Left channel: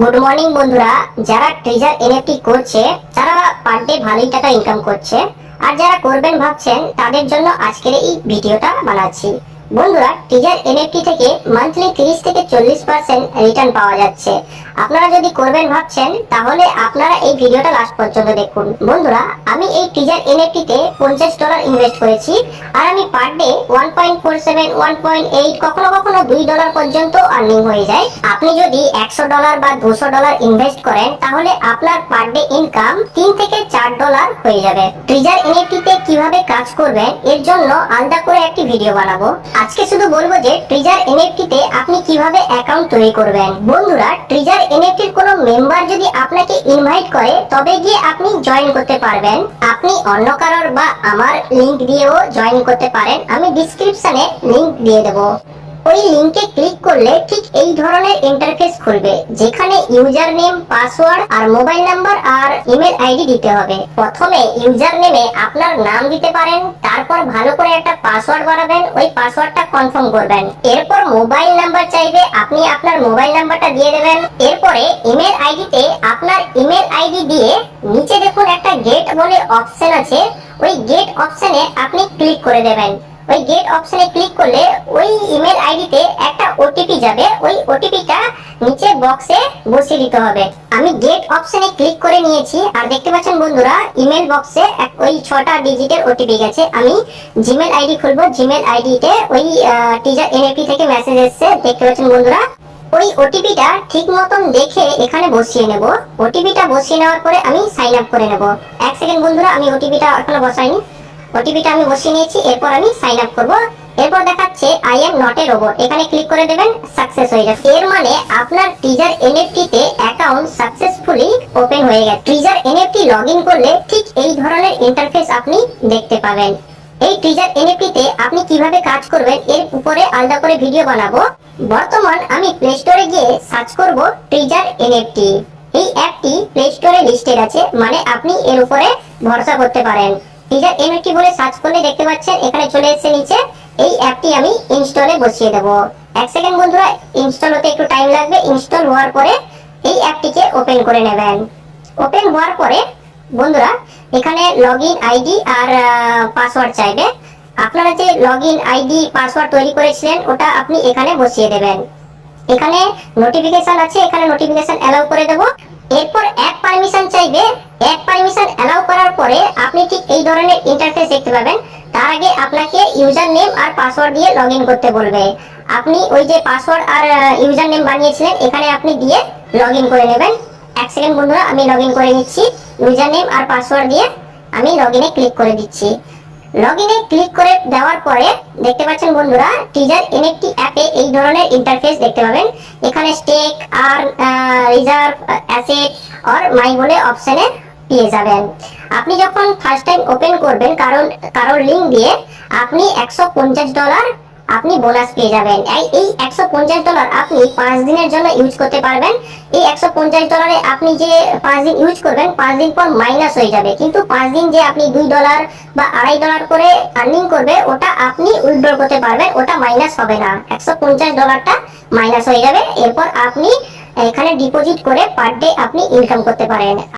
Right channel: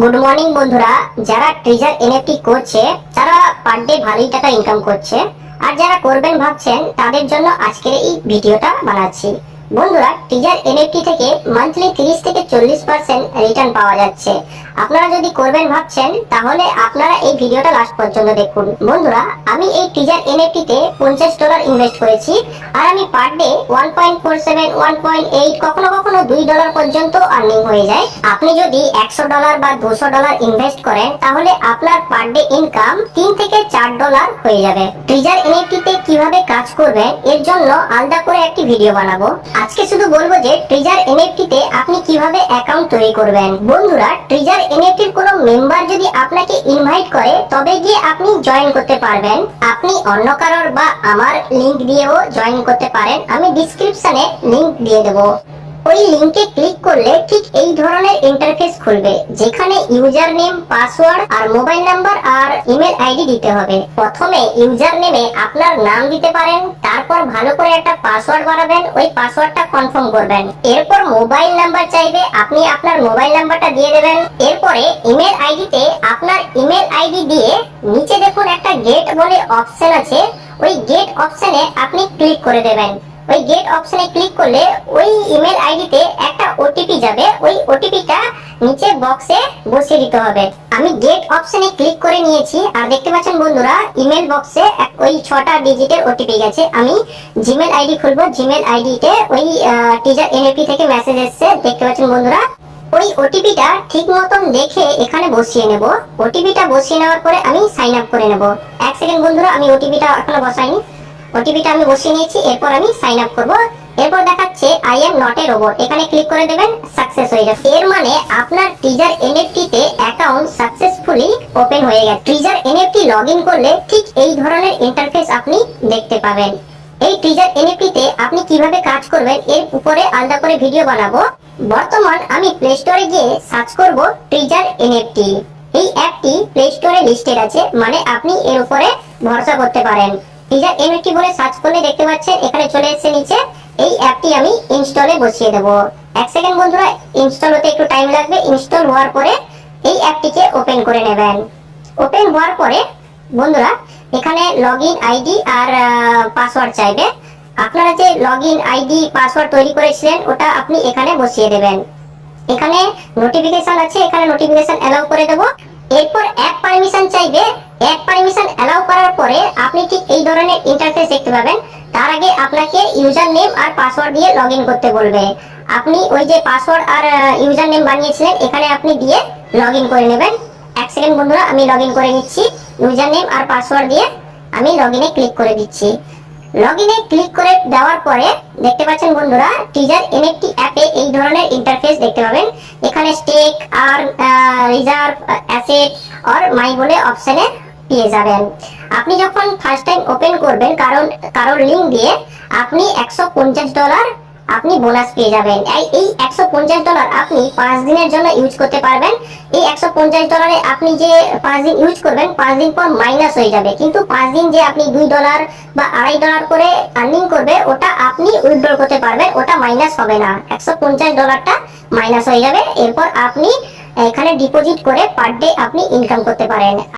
Good morning বন্ধুরা, যারা treasure NFT করছে তারা পার ডে ভালোই টাকা ইনকাম করছে। আর যারা করবেন ভাবছেন তাদের জন্য আজকের এই ভিডিওটা বানাচ্ছি। বন্ধুরা, ট্রেজার এনএফটি থেকে মান্থলি 30 থেকে 40% রিটার্ন পাওয়া যাচ্ছে। আপনারা যদি করবেন ভাবছেন তাহলে আপনারা এই ভিডিওটা লাস্ট পর্যন্ত দেখুন। বন্ধুরা, আমি এই ট্রেজার এনএফটি তে $50 ইনভেস্ট করেছি আর আমি পার ডে 1.47 1.8 কখনো কখনো $2 পর্যন্ত আর্নিং হয়ে যায়। আপনি যদি $100 বা $200 ইনভেস্ট করেন তাহলে আপনার পার ডে ইনকাম $3 থেকে $4 হয়ে যাবে। ট্রেজার এনএফটি তে কিভাবে কাজ করবেন এর জন্য আলাদা করে একটি ভিডিও বানাবো। আজকে শুধু বলবো যে ট্রেজার এনএফটি তে আপনি কিভাবে অ্যাকাউন্ট তৈরি করবেন। বন্ধুরা, ট্রেজার এনএফটির কোনো মেম্বার যদি আপনাকে ইনভাইট করে তবে গিয়ে আপনি জয়েন করতে পারবেন। আপনি অন্য কারোর বা আমার লিংক দিয়েও জয়েন করতে পারেন। আমি ডেসক্রিপশনে লিংক দিয়ে দেবো। ওই লিংকে ক্লিক করলে ঠিক এই ধরনের ইন্টারফেস খুলবে, যেখানে ইউজার নেম, পাসওয়ার্ড আর মোবাইল নাম্বার আর ইমেল আইডি দিতে হবে। প্রথমে ইউজার নেমে আপনার নাম দিতে পারেন, তারপর ভালো করে একটা পাসওয়ার্ড বানাবেন, ওই পাসওয়ার্ডটা কনফার্ম করবেন। এরপর মোবাইল নাম্বার চাইবে, আপনি আপনার মোবাইল নাম্বারটা দিয়ে দেবেন। এরপরে ইমেল আইডিতে আপনার ইমেল আইডি দিয়ে নিচে দেখুন একটা গেট বলে অপশন আছে, ওই গেট অপশনে আপনি ক্লিক করে দেবেন। ওই গেট অপশনে ক্লিক করলে ওই ইমেল আইডিতে একটা ওটিপি যাবে, ওই ওটিপিটা নিচে বক্সে বসিয়ে দিতে হবে। আমি গেট অপশনে ক্লিক করে নিয়েছি আর দেখতে পাচ্ছেন বন্ধুরা ইমেল বক্সে ওই 6টা ডিজিটের ওটিপি গেছে। আমি জিমেল আইডি খুলবো। জিমেল আইডিতে ওই ট্রেজার এনএফটি থেকে মেসেজ এসেছে, দেখতে পাচ্ছেন বন্ধুরা। ওই ওটিপিটা ঠিক মতন দেখে এখানে বসিয়ে নেব। ওটিপিটা বসিয়ে নেওয়ার পরে আমি সাইন আপ করে নেব। 1 সেকেন্ড বন্ধুরা, আমি ওটিপিটা এখনো বসাইনি। ওটিপিটা আমি বসিয়ে নিয়েছি, এরপর আমি সাইন আপ করব। এরপর দেখাচ্ছে I am not a robot, এখানে ক্লিক করে দেবেন, সাকসেস হয়ে যাবে। এর মানে আপনার ট্রেজার এনএফটি তে অ্যাকাউন্ট সাকসেসফুলি ওপেন হয়ে গেছে। ট্রেজার এনএফটি লগইন করলে ঠিক এই ধরনের ইন্টারফেস আপনি দেখতে পাবেন। এই ট্রেজার এনএফটি তে আপনি কিভাবে কাজ করবেন এর উপরে আলাদা করে ভিডিও বানাবো। বর্তমান আমি প্লে স্টোরে গিয়ে সার্চ করব ট্রেজার এনএফটি। এই অ্যাপটি প্লে স্টোরে লিস্টেড আছে, মানে আপনি এর উপরে ভরসা করতে পারেন। ট্রেজার এনএফটি বলে সার্চ করলে দেখতে পাচ্ছেন এখানে চলে এসেছে নিচে। এই অ্যাপটি আমি ইনস্টলে বসিয়ে দেব। 1 সেকেন্ড বন্ধুরা, ইনস্টল হতে একটু টাইম লাগবে। ইনস্টল হওয়ার পরে এই অ্যাপটিকে ওপেন করে নেবেন। ওপেন হওয়ার পরে বন্ধুরা এখানে লগইন আইডি আর পাসওয়ার্ড চাইবে। আপনারা যে লগইন আইডি পাসওয়ার্ড তৈরি করেছিলেন ওটা আপনি এখানে বসিয়ে দেবেন। এখানে নোটিফিকেশন আছে, এখানে নোটিফিকেশন অ্যালাউ করে দেব। এরপর অ্যাপ পারমিশন চাইবে। অ্যাপ পারমিশন অ্যালাউ করার পরে আপনি ঠিক এই ধরনের ইন্টারফেস দেখতে পাবেন। তার আগে আপনাকে ইউজার নেম আর পাসওয়ার্ড দিয়ে লগইন করতে বলবে। আপনি ওই যে পাসওয়ার্ড আর ইউজার নেম বানিয়েছিলেন এখানে আপনি দিয়ে লগইন করে নেবেন। 1 সেকেন্ড বন্ধুরা, আমি লগইন করে নিচ্ছি। ইউজার নেম আর পাসওয়ার্ড দিয়ে আমি লগইনে ক্লিক করে দিচ্ছি। লগইনে ক্লিক করে দেওয়ার পরে দেখতে পাচ্ছেন বন্ধুরা ট্রেজার এনএফটি অ্যাপে এই ধরনের ইন্টারফেস দেখতে পাবেন। এখানে স্টেক আর রিজার্ভ, অ্যাসেট আর মাই বলে অপশনে পেয়ে যাবেন। আপনি যখন ফার্স্ট টাইম ওপেন করবেন কারোর লিংক দিয়ে আপনি $150 আপনি বোনাস পেয়ে যাবেন। এই $150 আপনি 5 দিনের জন্য ইউজ করতে পারবেন। এই $150 আপনি যে 5 দিন ইউজ করবেন 5 দিন পর মাইনাস হয়ে যাবে, কিন্তু 5 দিন যে আপনি $2 বা $2.5 করে আর্নিং করবে ওটা আপনি উইথড্র করতে পারবেন, ওটা মাইনাস হবে না। $150টা মাইনাস হয়ে যাবে। এরপর আপনি এখানে ডিপোজিট করে পার ডে আপনি ইনকাম করতে পারেন।